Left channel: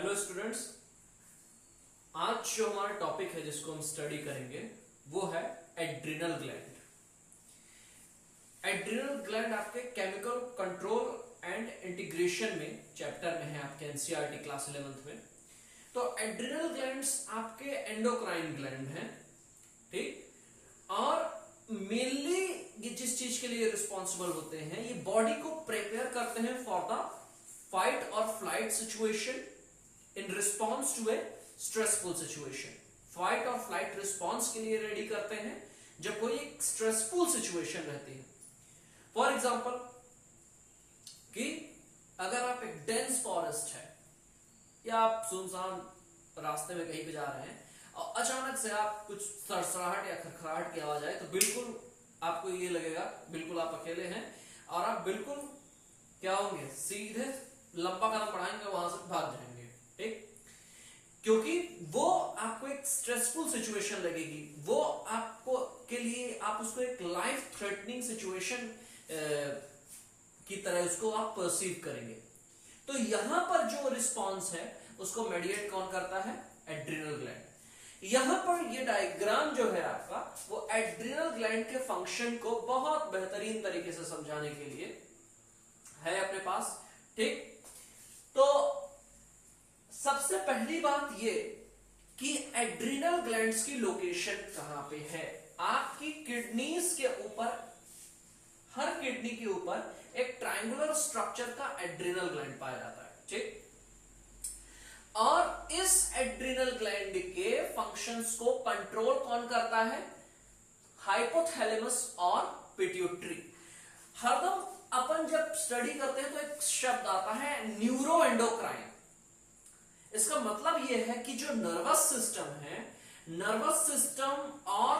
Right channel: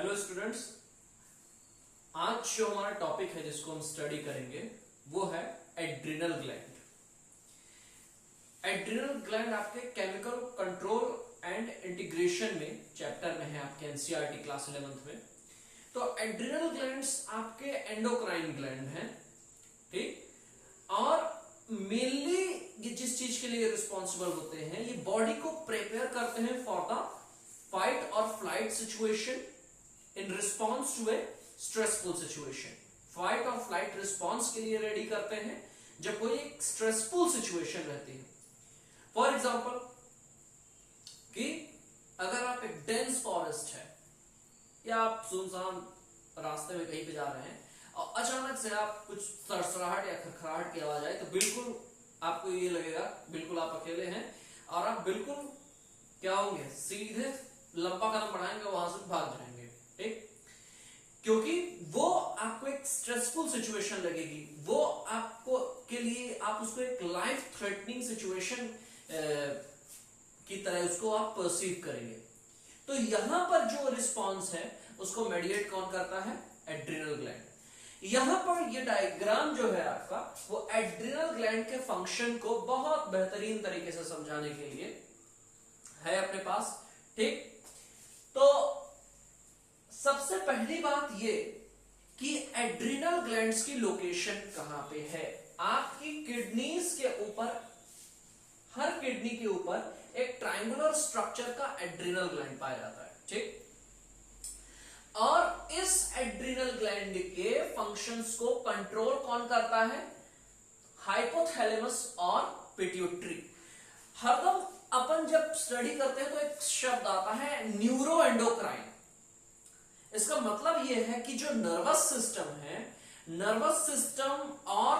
Hello students, आज जो हमारा टॉपिक है जिसको हम स्टडी करेंगे वो है एड्रिनल ग्लैंड। एड्रिनल ग्लैंड आपके केमिकल कंट्रोल एंड इंटीग्रेशन में चैप्टर में है, आपके एनसीईआरटी क्लास 11th में। तो एड्रिनल ग्लैंड्स आपके एंडोक्राइन ग्लैंड हैं, ठीक। और मेनली ये जिस चीज के लिए रिस्पॉन्सिबल होते हैं, ये बॉडी को प्रिपेयर करते हैं फॉर द फाइट और flight situation in response to a stressful situation. Fight और फ्लाइट रिस्पॉन्स के लिए रेडी करते हैं जब कोई एक स्ट्रेसफुल सिचुएशन रहती है। फॉर एग्जाम्पल कि अगर आप एक डेंस फॉरेस्ट है या आप सुनसान रास्ते में कहीं पे जा रहे हैं और अचानक से आप कुछ सरसराहट या खरखराहट की आवाज आए, तो बिल्कुल आपको ये लगेगा बिल्कुल आप अकेले हैं और आप बिल्कुल क्या होंगे, सीधे लंबा कदम बढ़ाएंगे, वहां से भाग जाएंगे, ठीक। क्योंकि वो आपको एक स्ट्रेसफुल सिचुएशन लगेगी, वो आपको के लिए आप उसको एक लाइफ थ्रेटनिंग सिचुएशन की तरह उसको आप परसीव करेंगे। तो यहां पर जो रिस्पॉन्स है उसको मेडिएट कौन करता है? Adrenal gland. यहां पर ये डायग्राम जो है आपका, वो एड्रिनल ग्लैंड के फंक्शन को बहुत बेहतरीन तरीके से समझाने के लिए है अपने पास, ठीक। तो सबसे पहली बात ये कि एड्रिनल ग्लैंड्स की लोकेशन कहां पे है। आपकी किडनीज के ऊपर, हर किडनी के ऊपर एक ट्रायंगुलर स्ट्रक्चर का एड्रिनल ग्लैंड पाया जाता है, ठीक। और इस एड्रिनल ग्लैंड के फंक्शंस को कंट्रोल कौन करता है? हाइपोथैलेमस और पिट्यूटरी। हरदम अपन जब स्टडी करते हैं तो एक शब्द आता है न्यूरो एंडोक्राइन। इसका मतलब यह है कि जो नर्वस सिस्टम है, नर्वस सिस्टम और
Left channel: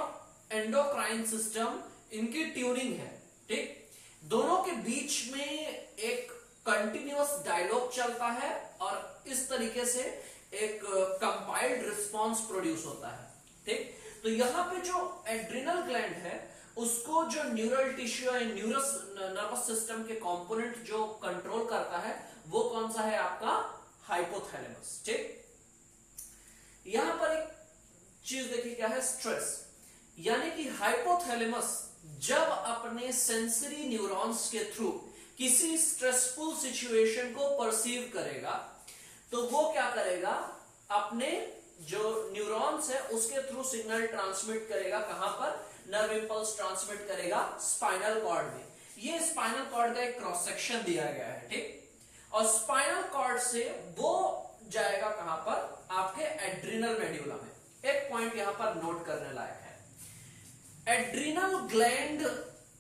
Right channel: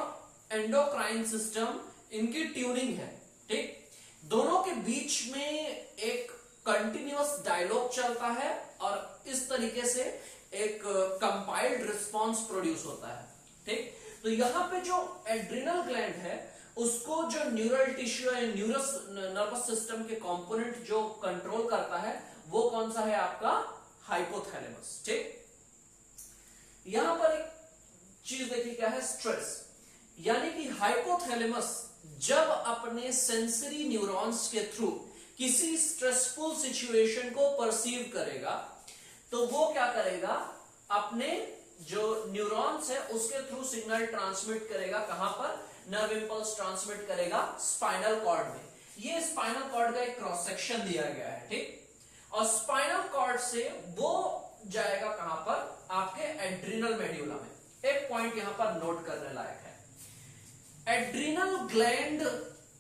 एंडोक्राइन सिस्टम, इनकी ट्यूनिंग है, ठीक। दोनों के बीच में एक कंटिन्यूअस डायलॉग चलता है और इस तरीके से एक कंपाइल्ड रिस्पॉन्स प्रोड्यूस होता है, ठीक। तो यहां पे जो एड्रिनल ग्लैंड है उसको जो न्यूरल टिश्यू है, नर्वस सिस्टम के कंपोनेंट जो कंट्रोल करता है, वो कौन सा है? आपका हाइपोथैलेमस, ठीक। यहां पर एक चीज देखिए क्या है, स्ट्रेस। यानी कि हाइपोथैलेमस जब अपने सेंसरी न्यूरॉन्स के थ्रू किसी स्ट्रेसफुल सिचुएशन को परसीव करेगा, तो वो क्या करेगा? अपने जो न्यूरॉन्स है उसके थ्रू सिग्नल ट्रांसमिट करेगा। कहां पर? नर्व इंपल्स ट्रांसमिट करेगा स्पाइनल कॉर्ड में। ये स्पाइनल कॉर्ड का एक क्रॉस सेक्शन दिया गया है, ठीक। और स्पाइनल कॉर्ड से वो जाएगा कहां पर? आपके एड्रिनल मेड्यूला में। एक पॉइंट यहां पर नोट करने लायक है, एड्रिनल ग्लैंड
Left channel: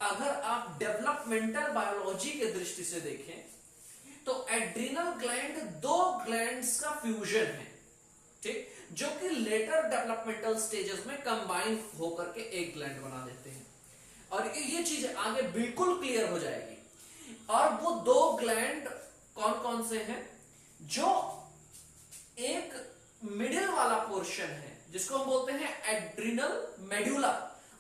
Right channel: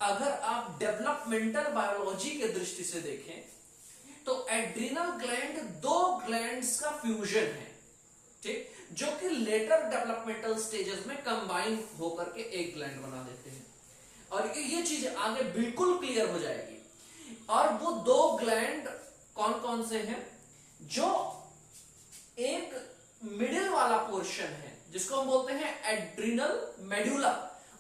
अगर आप डेवलपमेंटल बायोलॉजी के दृष्टि से देखें तो एड्रिनल ग्लैंड दो ग्लैंड्स का फ्यूजन है, ठीक, जो कि लेटर डेवलपमेंटल स्टेजेस में कंबाइन होकर के एक ग्लैंड बना देते हैं। और ये चीज आगे बिल्कुल क्लियर हो जाएगी। और वो दो ग्लैंड कौन कौन से हैं? जो एक मिडिल वाला पोर्शन है जिसको हम बोलते हैं एड्रिनल मेड्यूला,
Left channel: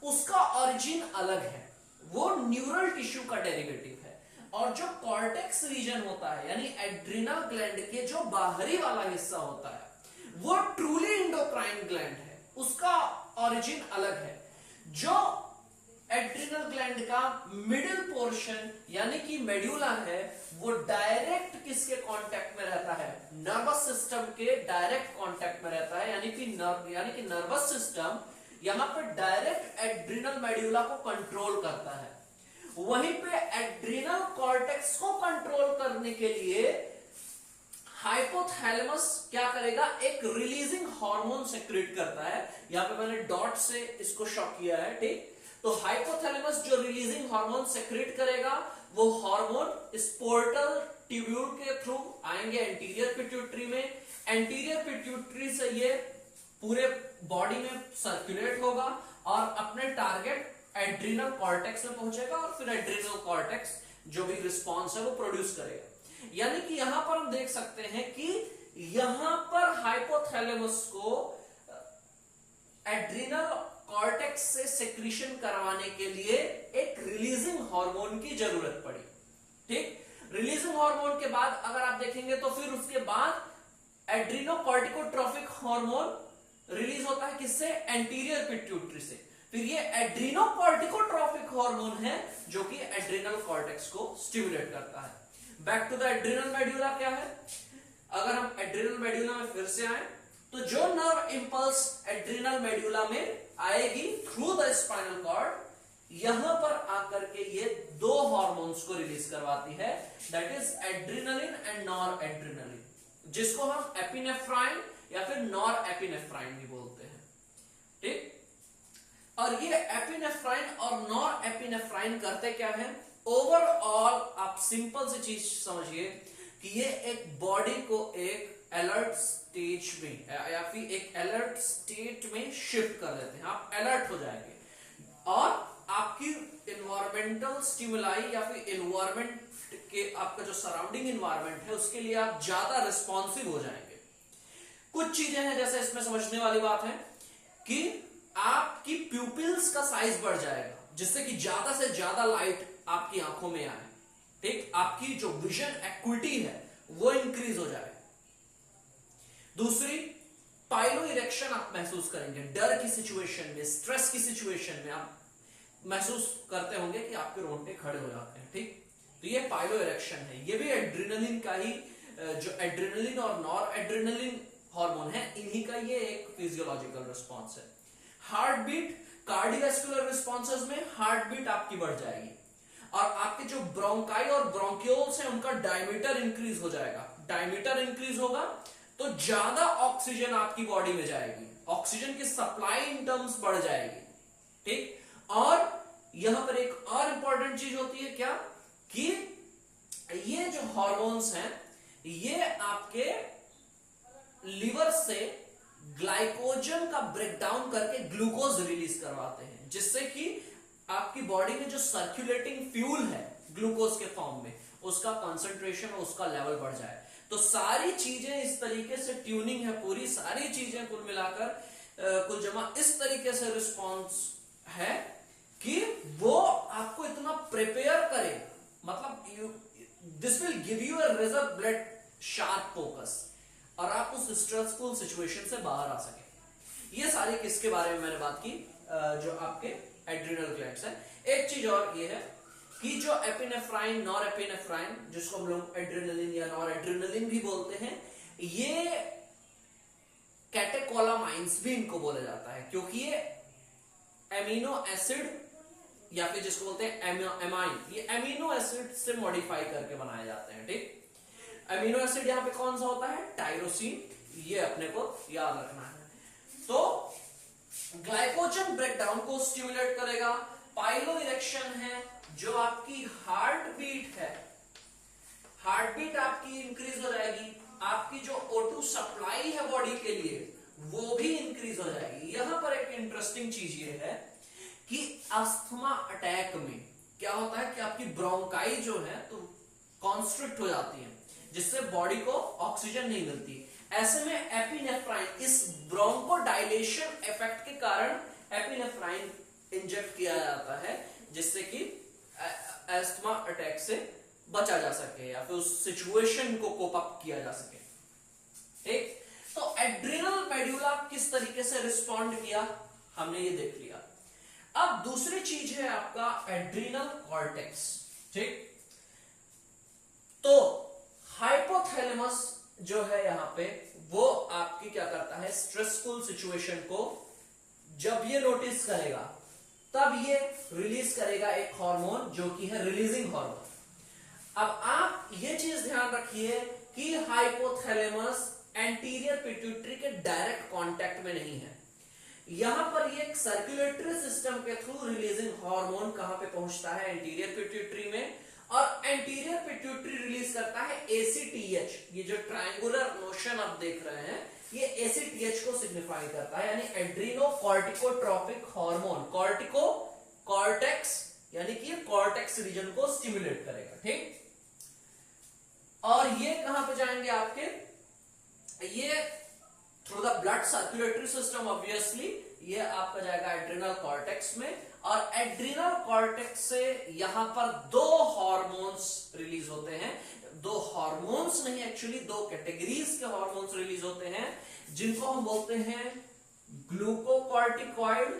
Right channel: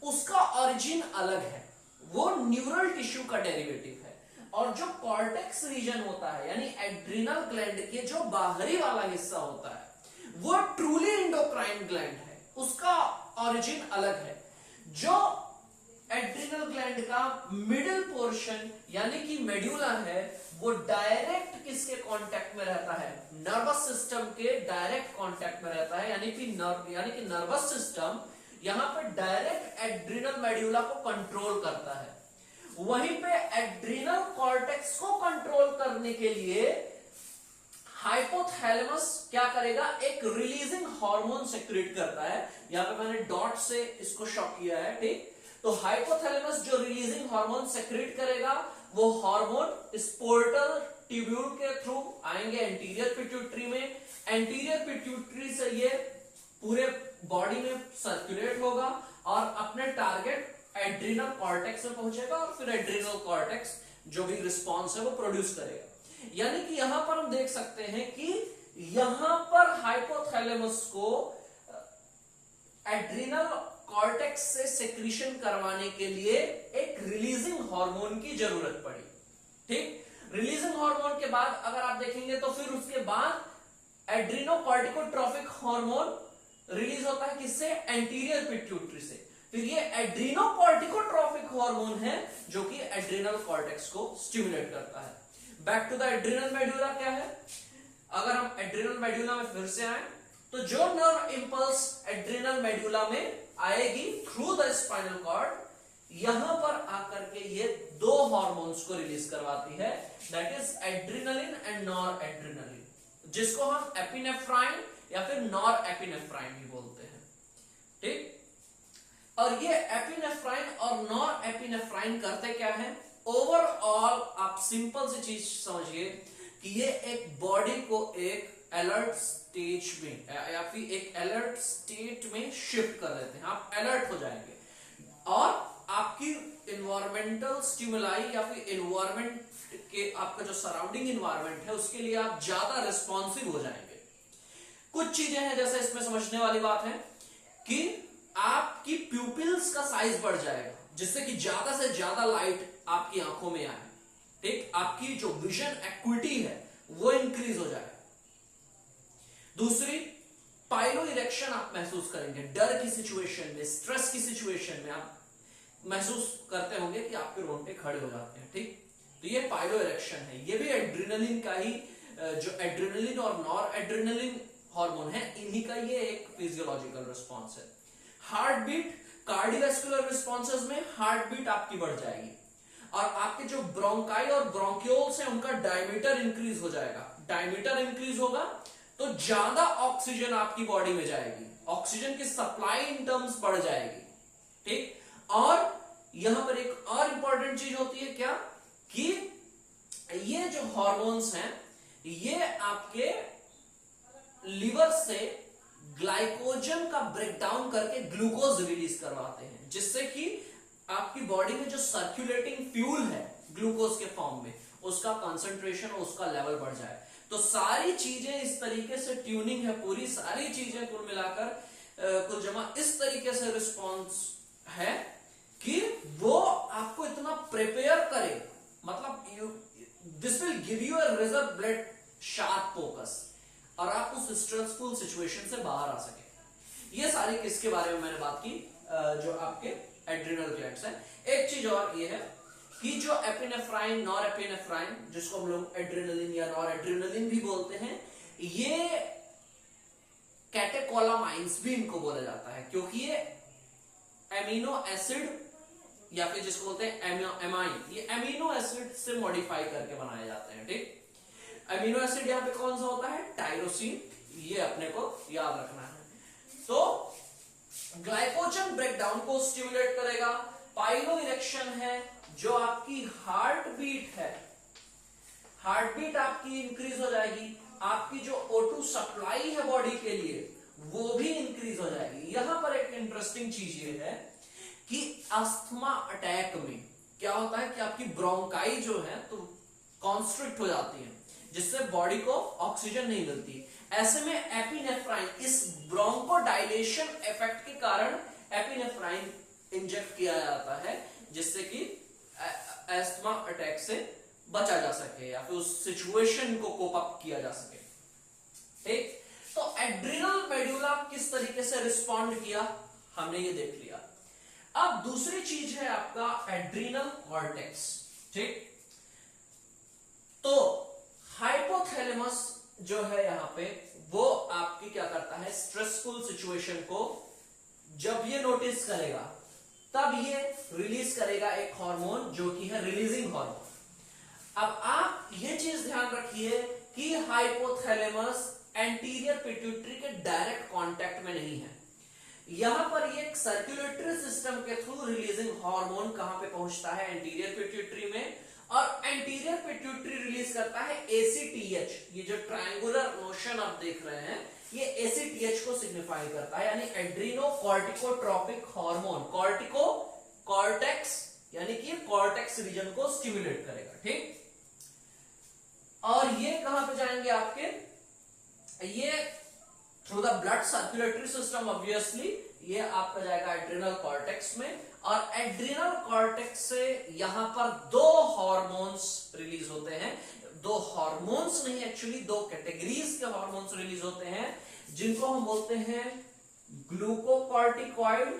उसका ओरिजिन अलग है, वो न्यूरल टिश्यू का डेरिवेटिव है। और जो कॉर्टेक्स रीजन होता है, यानी एड्रिनल ग्लैंड के जो बाहरी वाला हिस्सा होता है, वो ट्रूली इंडोक्राइन ग्लैंड है, उसका ओरिजिन अलग है। जो एड्रिनल ग्लैंड का मिडिल पोर्शन यानी कि मेड्यूला है, वो डायरेक्ट किसके कांटेक्ट में रहता है? नर्वस सिस्टम के डायरेक्ट कांटेक्ट में रहता है। यानी कि नर्वस सिस्टम यहां पर डायरेक्ट एड्रिनल मेड्यूला को कंट्रोल करता है। वहीं पे एड्रिनल कॉर्टेक्स को कंट्रोल करने के लिए हाइपोथैलेमस क्या करेगा? एक रिलीजिंग हार्मोन सेक्रेट करता है। यहां पे मैंने डॉट से इसको शॉ किया है, ठीक। तो हाइपोथैलेमस जो रिलीजिंग हार्मोन सेक्रेट करेगा, वो हार्मोन स्पोर्टल ट्यूब्यूल के थ्रू आएंगे एंटीरियर पिट्यूटरी में। एंटीरियर पिट्यूटरी से ये पूरे बॉडी में सर्कुलेट होगा और अपने टारगेट एड्रिनल कॉर्टेक्स में पहुंचेगा और फिर एड्रिनल कॉर्टेक्स जो भी रिस्पॉन्स है वो प्रोड्यूस करेगा। यानी कि यहां पर हम देख सकते हैं कि यहां पर हाइपोथैलेमस को एड्रिनल कॉर्टेक्स से सेक्रीशन करवाने के लिए एक रिलीजिंग हार्मोन की जरूरत पड़ी, ठीक। रिलीजिंग हार्मोन के बाद अगर आप देखेंगे तो फिर उसके बाद एड्रीनोकॉर्टिकोट्रोफिक हार्मोन रिलीज होता है किससे? एंटीरियर पिट्यूटरी से। फिर ये एड्रीनोकॉर्टिकोट्रोफिक हार्मोन है जो कि एड्रिनल कॉर्टेक्स को स्टिमुलेट करता है। Back to the adrenal medulla क्या है? अगर हम एड्रिनल मेड्यूला में फिर से आए तो जो नर्व इंपल्स एड्रिनल मेड्यूला में आएगी थ्रू द स्पाइनल कॉर्ड, यहां पर आकर के ये दो हार्मोन्स को रिलीज करवाती है, that is adrenaline and nor adrenaline, जिसको हम एपिनेफ्राइन या फिर नॉर एपिनेफ्राइन भी बोलते हैं। ठीक, और ये एपिनेफ्राइन और नॉर एपिनेफ्राइन करते क्या है? ओवरऑल आप सिंपल सी चीज समझिए कि ये एक बॉडी को एक अलर्ट स्टेज में या फिर एक अलर्ट स्टेट में शिफ्ट कर देते हैं। आप अलर्ट हो जाएंगे और आपकी इन्वायरमेंटल स्टिमुलाई या फिर इन्वायरमेंट के आपका जो सराउंडिंग इन्वायरमेंट है उसके लिए आप ज्यादा रिस्पॉन्सिव हो जाएंगे। कुछ चीजें हैं जैसे इसमें समझने वाली बात है कि आपकी प्यूपिल्स का साइज बढ़ जाएगा जिससे कि ज्यादा से ज्यादा लाइट आपकी आंखों में आए। ठीक, आपकी जो विजन एक्विटी है वो इंक्रीज हो जाए। दूसरी, पाइलो इरेक्शन आप महसूस करेंगे। डर की सिचुएशन में, स्ट्रेस की सिचुएशन में आप महसूस करते होंगे कि आपके रोंगटे खड़े हो जाते हैं। ठीक, तो ये पाइलो इरेक्शन है। ये भी एड्रिनलिन का ही, जो एड्रिनलिन और नॉर एड्रिनलिन हार्मोन है, इन्हीं का ये एक फिजियोलॉजिकल रिस्पॉन्स है। हार्ट बीट, कार्डियोवैस्कुलर रिस्पॉन्सेस में हार्ट बीट आपकी बढ़ जाएगी और आपके जो ब्रोंकाई और ब्रोंक्यूल्स हैं उनका डायमीटर इंक्रीज हो जाएगा। डायमीटर इंक्रीज होगा तो ज्यादा ऑक्सीजन आपकी बॉडी में जाएगी, ऑक्सीजन की सप्लाई इन टर्म्स बढ़ जाएगी। ठीक, और यहां पर एक और इंपॉर्टेंट चीज होती है क्या, कि ये जो हार्मोन्स हैं ये आपके लिवर से ग्लाइकोजन का ब्रेकडाउन करके ग्लूकोज रिलीज करवाते हैं, जिससे कि आपकी बॉडी में जो सर्कुलेटिंग फ्यूल है ग्लूकोज के फॉर्म में, उसका कंसंट्रेशन और उसका लेवल बढ़ जाए। तो सारी चीजें इस तरीके से ट्यूनिंग है, पूरी सारी चीजें कुल मिलाकर कुल जमा इस तरीके से रिस्पॉन्स है कि वो आपको इतना प्रिपेयर करे, मतलब this will give you a reserve blood sharp focus और आप उस स्ट्रेसफुल सिचुएशन से बाहर आ सके। ये सारी किसके बारे में मैंने बात की, जो आपके एड्रिनल ग्लैंड्स हैं। एक चीज और ये है कि जो एपिनेफ्राइन, नॉर एपिनेफ्राइन, जिसको हम लोग एड्रिनलिन या नॉर एड्रिनलिन भी बोलते हैं, ये कैटेकोलामाइंस भी इनको बोला जाता है, क्योंकि ये एमिनो एसिड या फिर जिसको बोलते हैं एमाइन, ये एमिनो एसिड से मॉडिफाई करके बनाए जाते हैं। ठीक, एमिनो एसिड यहां पे कौन सा होता है? टायरोसिन, ये अपने को याद रखना है। तो ग्लाइकोजन ब्रेकडाउन को स्टिमुलेट करेगा। पाइलो इरेक्शन है, जो आपकी हार्ट बीट है, हार्ट बीट आपकी इंक्रीज हो जाएगी, आपकी जो O2 सप्लाई है बॉडी के लिए वो भी इंक्रीज हो जाएगी। यहां पर एक इंटरेस्टिंग चीज ये है कि अस्थमा अटैक में क्या होता है कि आपकी ब्रोंकाई जो है तो कॉन्स्ट्रिक्ट हो जाती है, जिससे बॉडी को ऑक्सीजन नहीं मिलती। ऐसे में एपिनेफ्राइन, इस ब्रोंको डायलेशन इफेक्ट के कारण एपिनेफ्राइन इंजेक्ट किया जाता है, जिससे कि अस्थमा अटैक से बचा जा सके या फिर उस सिचुएशन को कोप अप किया जा सके। ठीक, तो एड्रिनल मेड्यूला किस तरीके से रिस्पॉन्ड किया हमने ये देख लिया। अब दूसरी चीज है आपका एड्रिनल कॉर्टेक्स। ठीक, तो हाइपोथैलेमस जो है यहां पे, वो आपकी क्या करता है, स्ट्रेसफुल सिचुएशन को जब ये नोटिस करेगा तब ये रिलीज करेगा एक हार्मोन जो कि है रिलीजिंग हार्मोन। अब आप ये चीज ध्यान रखिए कि हाइपोथैलेमस एंटीरियर पिट्यूटरी के डायरेक्ट कांटेक्ट में नहीं है। यहां पर ये सर्कुलेटरी सिस्टम के थ्रू रिलीजिंग हार्मोन कहां पे पहुंचता है? एंटीरियर पिट्यूटरी में, और एंटीरियर पिट्यूटरी रिलीज करता है ACTH। ये जो ट्रायंगुलर मोशन आप देख रहे हैं ये ACTH को सिग्निफाई करता है, यानी एड्रीनो कॉर्टिकोट्रोपिक हार्मोन। कॉर्टिको, कॉर्टेक्स, यानी कि कॉर्टेक्स रीजन को स्टिमुलेट करेगा। ठीक, और ये कहां पे जाएंगे आपके? ये through the blood circulatory system, obviously ये आपका जाएगा एड्रिनल कॉर्टेक्स में, और एड्रिनल कॉर्टेक्स से यहां पर दो हार्मोन्स रिलीज होते हैं दो हार्मोन्स नहीं, एक्चुअली दो कैटेगरीज के हार्मोन्स रिलीज होते हैं, जिनको हम बोलते हैं ग्लूकोकॉर्टिकॉइड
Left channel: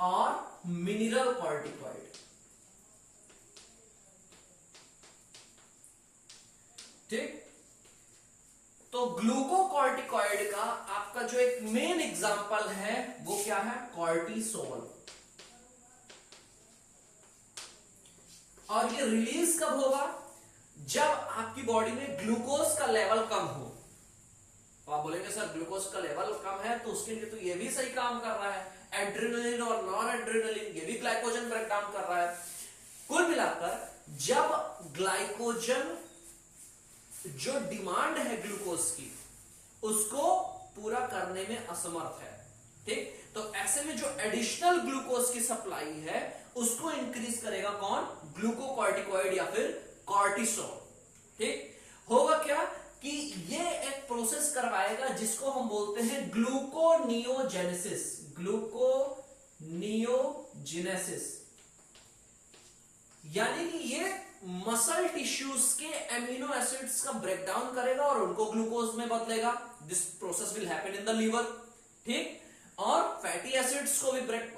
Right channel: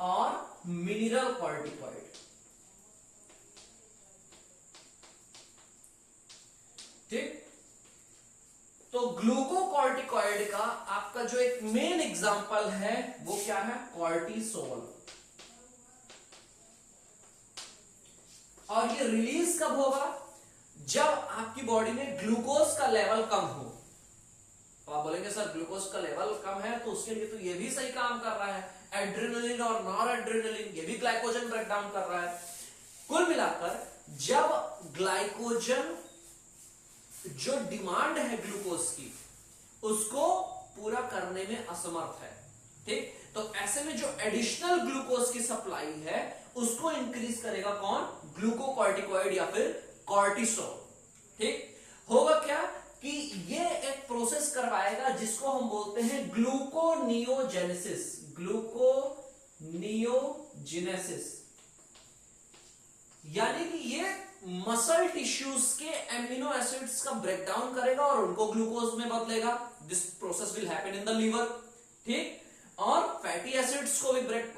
और मिनरल कॉर्टिकॉइड। ठीक, तो ग्लूकोकॉर्टिकॉइड का आपका जो एक मेन एग्जांपल है वो क्या है, कॉर्टिसोल। और ये रिलीज कब होगा, जब आपकी बॉडी में ग्लूकोज का लेवल कम हो। तो आप बोलेंगे सर ग्लूकोज का लेवल कम है तो उसके लिए तो ये भी सही काम कर रहा है, एड्रेनलिन और नॉन एड्रेनलिन ये भी ग्लाइकोजन ब्रेक डाउन कर रहा है। कुल मिलाकर जब ग्लाइकोजन जो डिमांड है ग्लूकोज की उसको पूरा करने में असमर्थ है, ठीक, तो ऐसे में जो एडिशनल ग्लूकोज की सप्लाई है उसको इंक्रीज करेगा कौन, ग्लूकोकॉर्टिकॉइड या फिर कॉर्टिसोल। ठीक, होगा क्या कि ये एक प्रोसेस करवाएगा जिसको हम बोलते हैं ग्लूकोनियोजेनेसिस। ग्लूकोनियोजेनेसिस यानी कि ये मसल टिश्यूज के एमिनो एसिड्स का ब्रेकडाउन करेगा और उनको ग्लूकोज में बदलेगा। This process will happen in the liver. ठीक, और फैटी एसिड्स को भी ब्रेक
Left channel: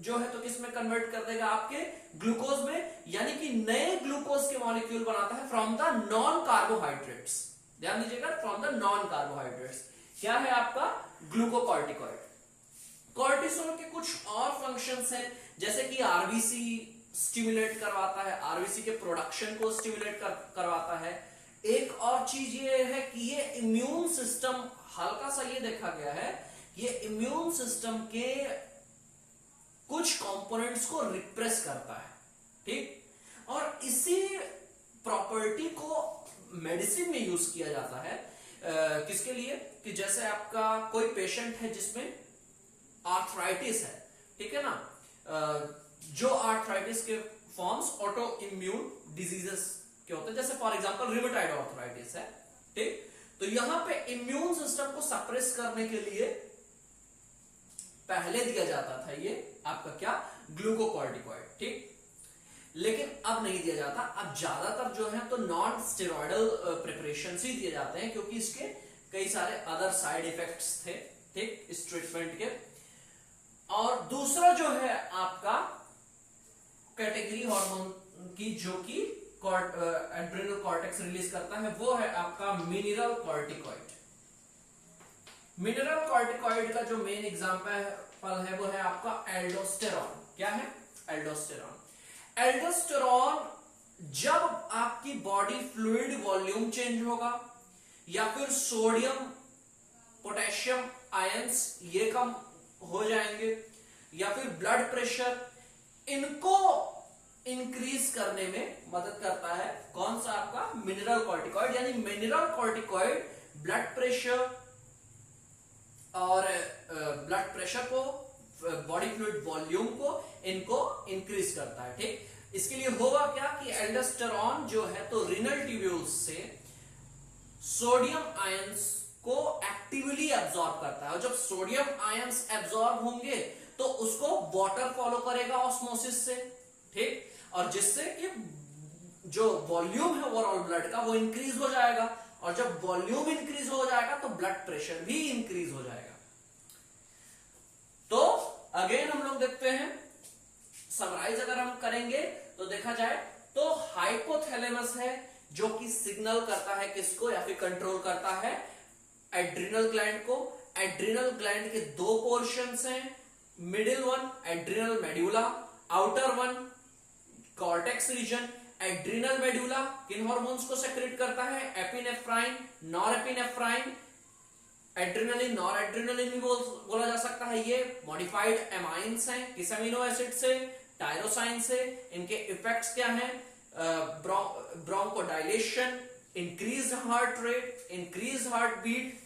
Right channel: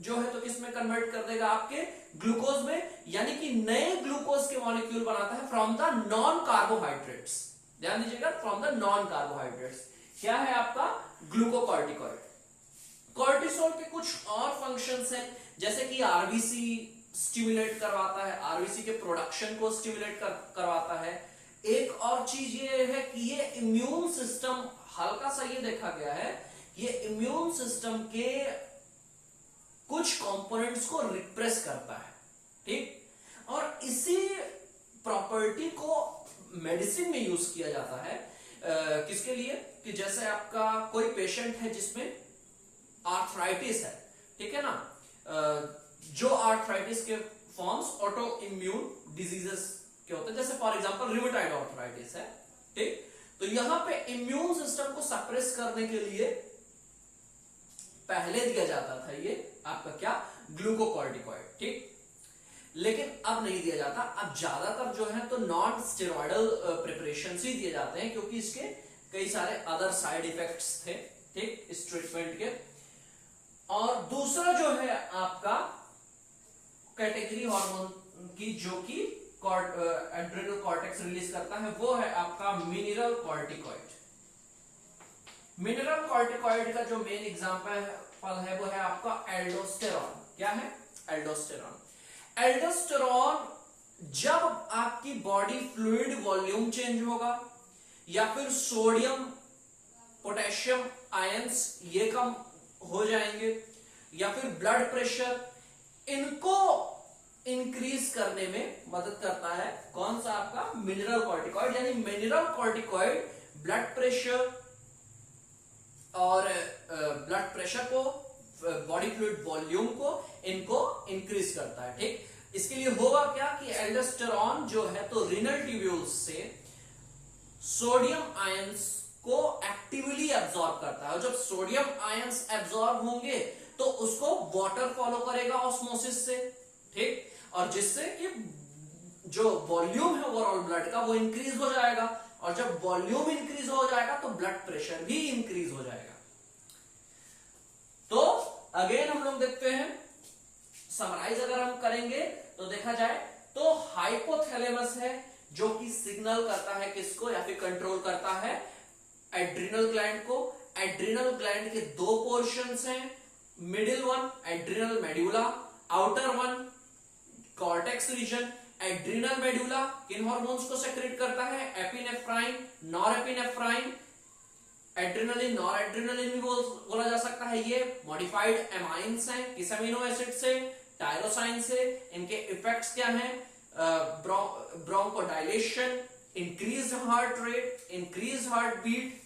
जो है तो किसमें कन्वर्ट कर देगा, आपके ग्लूकोज में, यानी कि नए ग्लूकोज के मॉलिक्यूल बनाता है फ्रॉम द नॉन कार्बोहाइड्रेट्स। ध्यान दीजिएगा, फ्रॉम द नॉन कार्बोहाइड्रेट्स। क्या है आपका ग्लूकोकॉर्टिकॉइड। कॉर्टिसोल के कुछ और फंक्शंस हैं, जैसे कि आरबीसी स्टिमुलेट करवाता है, आरबीसी के प्रोडक्शन को स्टिमुलेट करवाता है। एक और चीज ये है कि ये इम्यून सिस्टम, हल्का सा ये देखा गया है, ये इम्यून सिस्टम के कुछ कंपोनेंट्स को रिप्रेस करता है। ठीक, और इसी प्रॉपर्टी को मेडिसिन में यूज किया जाता है। किसके लिए, कि जैसे आपका कोई पेशेंट है जिसमें आर्थराइटिस है, ठीक है ना, जो आर्थराइटिस के फॉर्म्स ऑटो इम्यून डिजीजेस के होते हैं, जैसे फॉर एग्जांपल रिमेटॉइड आर्थराइटिस है। ठीक, तो यहां पे इम्यून सिस्टम को सप्रेस करने के लिए पहले दिया जाता था ये आपका क्या, ग्लूकोकॉर्टिकॉइड। ठीक, लेकिन अब नहीं दिया जाता, अब ज्यादातर जो है तो नॉन स्टेरॉयडल प्रिपरेशन ही दिए जाते हैं, क्योंकि इसके कई सारे अदर साइड इफेक्ट्स थे, ठीक, इस ट्रीटमेंट के। और दूसरा जो है आपका कैटेगरी हार्मोन की जो कि एड्रेनल कॉर्टेक्स रिलीज करता है, वो है आपका मिनरल कॉर्टिकॉइड। मिनरल कॉर्टिकॉइड का जो मेन एग्जांपल है वो है आपका एल्डोस्टेरॉन। क्या है, एल्डोस्टेरॉन। एल्डोस्टेरॉन जब आपकी बॉडी फ्लूइड वॉल्यूम चेंज होगा, या फिर सोडियम पोटेशियम आयंस ये कम हो जाएंगे, या फिर ब्लड प्रेशर, इनको इंक्रीज करने में मदद करता है कौन सा, आपका मिनरल कॉर्टिकॉइड। यानी मिनरल कॉर्टिकॉइड ब्लड प्रेशर और ब्लड प्रेशर को, बॉडी फ्लूइड वॉल्यूम को, इनको इंक्रीज करता है। ठीक, इसके लिए होगा क्या कि एल्डोस्टेरॉन जो है तो रीनल ट्यूब्यूल्स से सोडियम आयंस को एक्टिवली एब्जॉर्ब करता है, और जब सोडियम आयंस एब्जॉर्ब होंगे तो उसको वाटर फॉलो करेगा ऑस्मोसिस से। ठीक, और जिससे कि जो वॉल्यूम है ओवरऑल ब्लड का वो इंक्रीज हो जाएगा, और जब वॉल्यूम इंक्रीज हो जाएगा तो ब्लड प्रेशर भी इंक्रीज हो जाएगा। तो अगेन हम लोग देखते हैं, समराइज अगर हम करेंगे तो देखा जाए तो हाइपोथैलेमस है जो कि सिग्नल करता है किसको, या फिर कंट्रोल करता है एड्रिनल ग्लैंड को। एड्रिनल ग्लैंड के दो पोर्शंस हैं, middle one adrenal medulla, outer one cortex region. Adrenal medulla किन हार्मोन्स को सेक्रेट करता है, एपिनेफ्राइन, नॉरएपिनेफ्राइन, एड्रिनलिन, नॉरएड्रिनलिन भी बोला जा सकता है। ये मॉडिफाइड एमाइंस हैं, किस अमीनो एसिड से, टायरोसाइन से। इनके इफेक्ट्स क्या हैं, bronchodilation, increase heart rate, increase heart beat,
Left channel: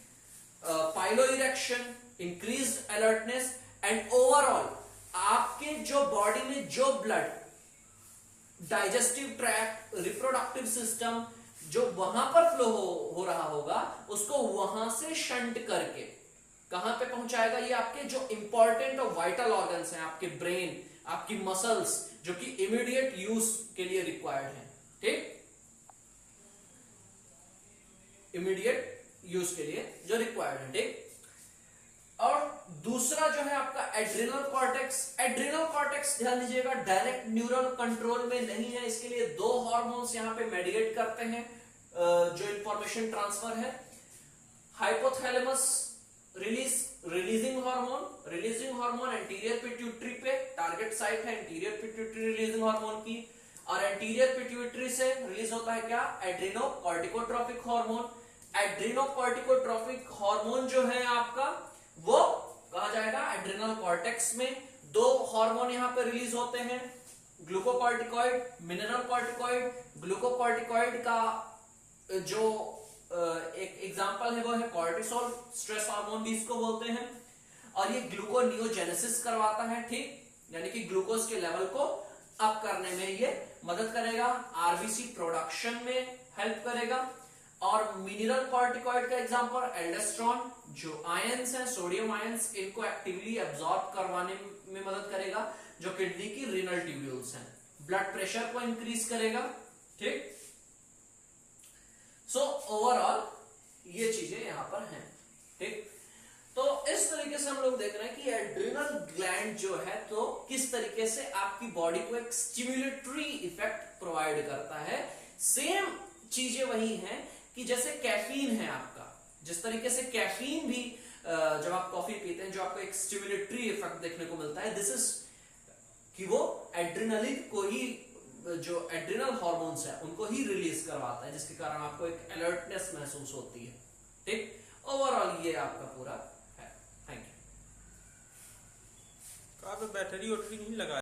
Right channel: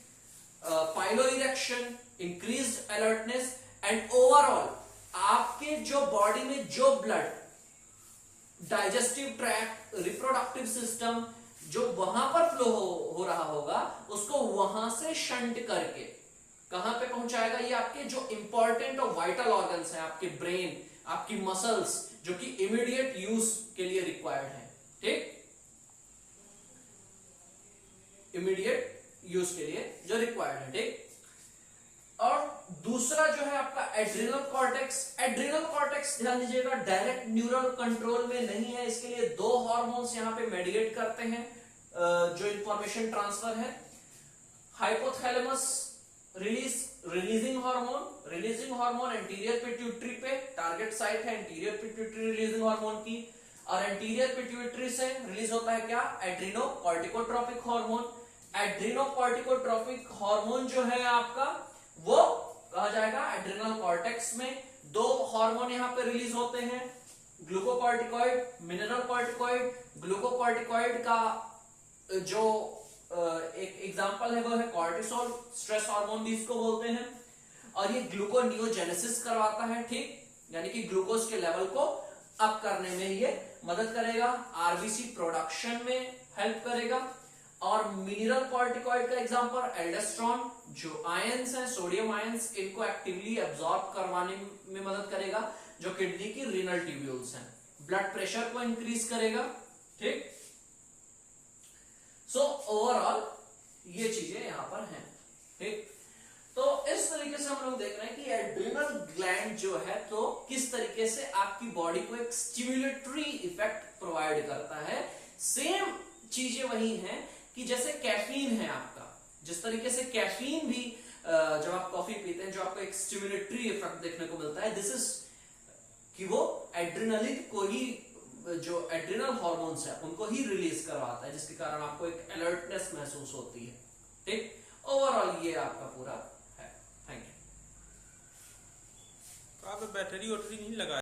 piloerection, increase alertness, and overall आपके जो बॉडी में जो blood, digestive tract, reproductive system जो वहां पर फ्लो हो रहा होगा उसको वहां से शंट करके कहां पे पहुंचाएगा, ये आपके जो इंपॉर्टेंट और वाइटल ऑर्गन्स हैं, आपके ब्रेन, आपकी मसल्स, जो कि इमीडिएट यूज के लिए रिक्वायर्ड है। ठीक, इमीडिएट यूज के लिए जो रिक्वायर्ड है, ठीक। और दूसरा जो है आपका एड्रिनल कॉर्टेक्स। एड्रिनल कॉर्टेक्स ध्यान दीजिएगा डायरेक्ट न्यूरल कंट्रोल में नहीं है, इसके लिए दो हार्मोन्स यहां पे मेडिएट करते हैं जो इंफॉर्मेशन ट्रांसफर है। Hypothalamus releasing hormone anterior pituitary पे टारगेट साइट है, एंटीरियर पिट्यूटरी रिलीजिंग हार्मोन की, और एंटीरियर पिट्यूटरी से रिलीज होता है क्या, एड्रीनोकॉर्टिकोट्रोपिक हार्मोन। एड्रीनोकॉर्टिकोट्रोपिक हार्मोन जो है आपका वो कहा जाएगा एड्रिनल कॉर्टेक्स में। दो हार्मोन यहां पे रिलीज होते हैं, ग्लूकोकॉर्टिकॉइड, मिनरल कॉर्टिकॉइड। ग्लूकोकॉर्टिकॉइड का जो एक एग्जांपल है वो है कॉर्टिसोल, स्ट्रेस हार्मोन भी इसको बोलते हैं, और ये ग्लूकोनियोजेनेसिस करवाता है, ठीक, यानी कि ग्लूकोज के लेवल को अप करने में ये मदद करेगा, आरबीसी प्रोडक्शन में हेल्प करेगा। और मिनरल कॉर्टिकॉइड का एग्जांपल एल्डोस्टेरोन, जो आयंस है सोडियम आयंस, इनको एक्टिवली एब्सॉर्ब करवाने में मदद करेगा, जो किडनी की रीनल ट्यूब्यूल्स हैं, ब्लड प्रेशर को इंक्रीज करेगा, ठीक। सो ओवरऑल ये चीजें यहां पर हैं, ठीक। तो इस तरीके से हम लोग देख रहे हैं कि एड्रिनल ग्लैंड जो है तो किस तरीके से आपकी बॉडी को एक स्टिम्युलेटरी इफेक्ट प्रोवाइड करता है। सेम चीजें वही हैं कि जैसे कैफीन है आपका, जिस तरीके से कैफीन भी जब आप कॉफी पीते हैं जो आपको एक स्टिम्युलेटरी इफेक्ट देखने को मिलता है, दिस इज कि वो एड्रिनलिन को ही, जो एड्रिनल हार्मोन्स है उनको ही रिलीज करवाता है, जिसके कारण आपको एक अलर्टनेस महसूस होती है, ठीक। ओवरऑल ये आपका पूरा है। Thank you. बैटरी वोटरी नहीं लगा